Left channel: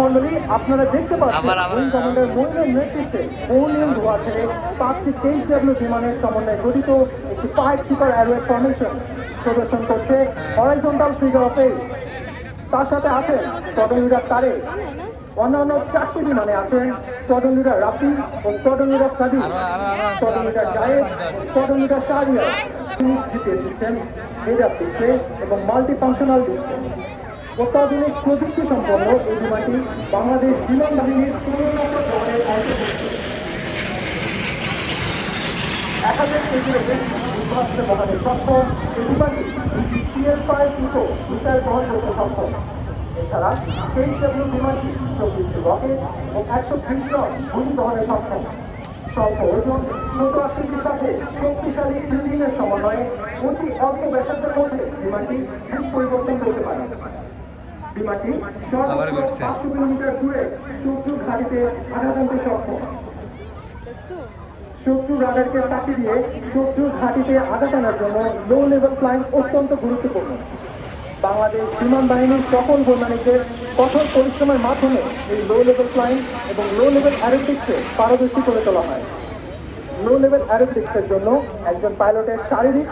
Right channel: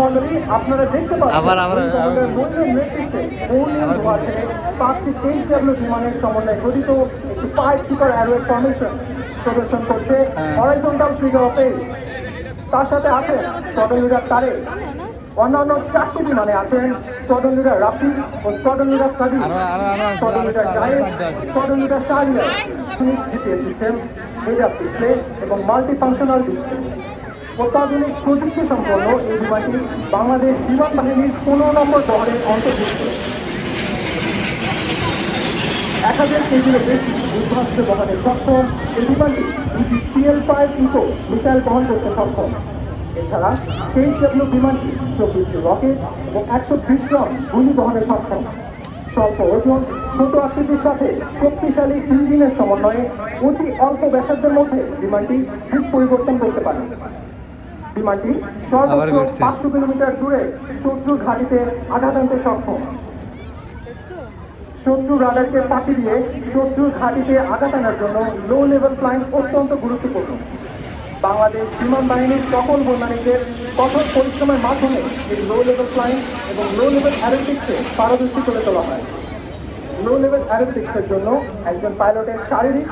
মন্ডলী আপনারা দেখতে বিমানের সম্বন্ধে গঠিত সুপার এয়ারওয়েজ ফাউন্ডেশন প্রদর্শন করছে হরাইজন্টাল ফিগার অফ এইট। তার সাথে আছে চট্টগ্রাম তারে অন্যান্য 4টি বিমানে আছেন চট্টগ্রাম রাফি ও চট্টগ্রাম এবং মাল্টিফাংশনাল অত্যাধুনিক প্রযুক্তি সম্পন্ন এই বিমানটি বাংলাদেশ বিমান বাহিনীর 15 নম্বর দলের অন্তর্ভুক্ত। 1000 কেজির বেশি যুদ্ধাস্ত্র বহনে সক্ষম এই বিমানটি CL-5 ইকো মিসাইল বহন করতে সক্ষম। এছাড়া KW বিমানটি 24টি রকেট এবং 120 টন গুলি বহনে সক্ষম। স্বল্প ওজন, ছোট আকৃতির সাথে শক্তিশালী ইঞ্জিনের সমন্বয়ে অতি অল্প ব্যাসার্ধের মধ্যে বিমানটি দিক পরিবর্তন করতে পারে। বিমানটি সর্বোচ্চ 500 কিলোমিটার দূরে শত্রু ঘাঁটিতে আঘাত আনতে সক্ষম। শত্রু রাডারকে ফাঁকি দিয়ে শত্রু ঘাঁটিতে আঘাত আনার জন্য লো লেভেল ফ্লাইং অত্যন্ত গুরুত্বপূর্ণ। বাংলাদেশ বিমান বাহিনীর সকল বৈমানিকদের কঠোর পরিশ্রমের মাধ্যমে এই লো লেভেল ফ্লাইং এবং লো লেভেল অ্যারোস্পেসকে পারদর্শী করে তোলা হয়। লো লেভেল অ্যারোস্পেসের জন্য একজন পাইলটের শারীরিক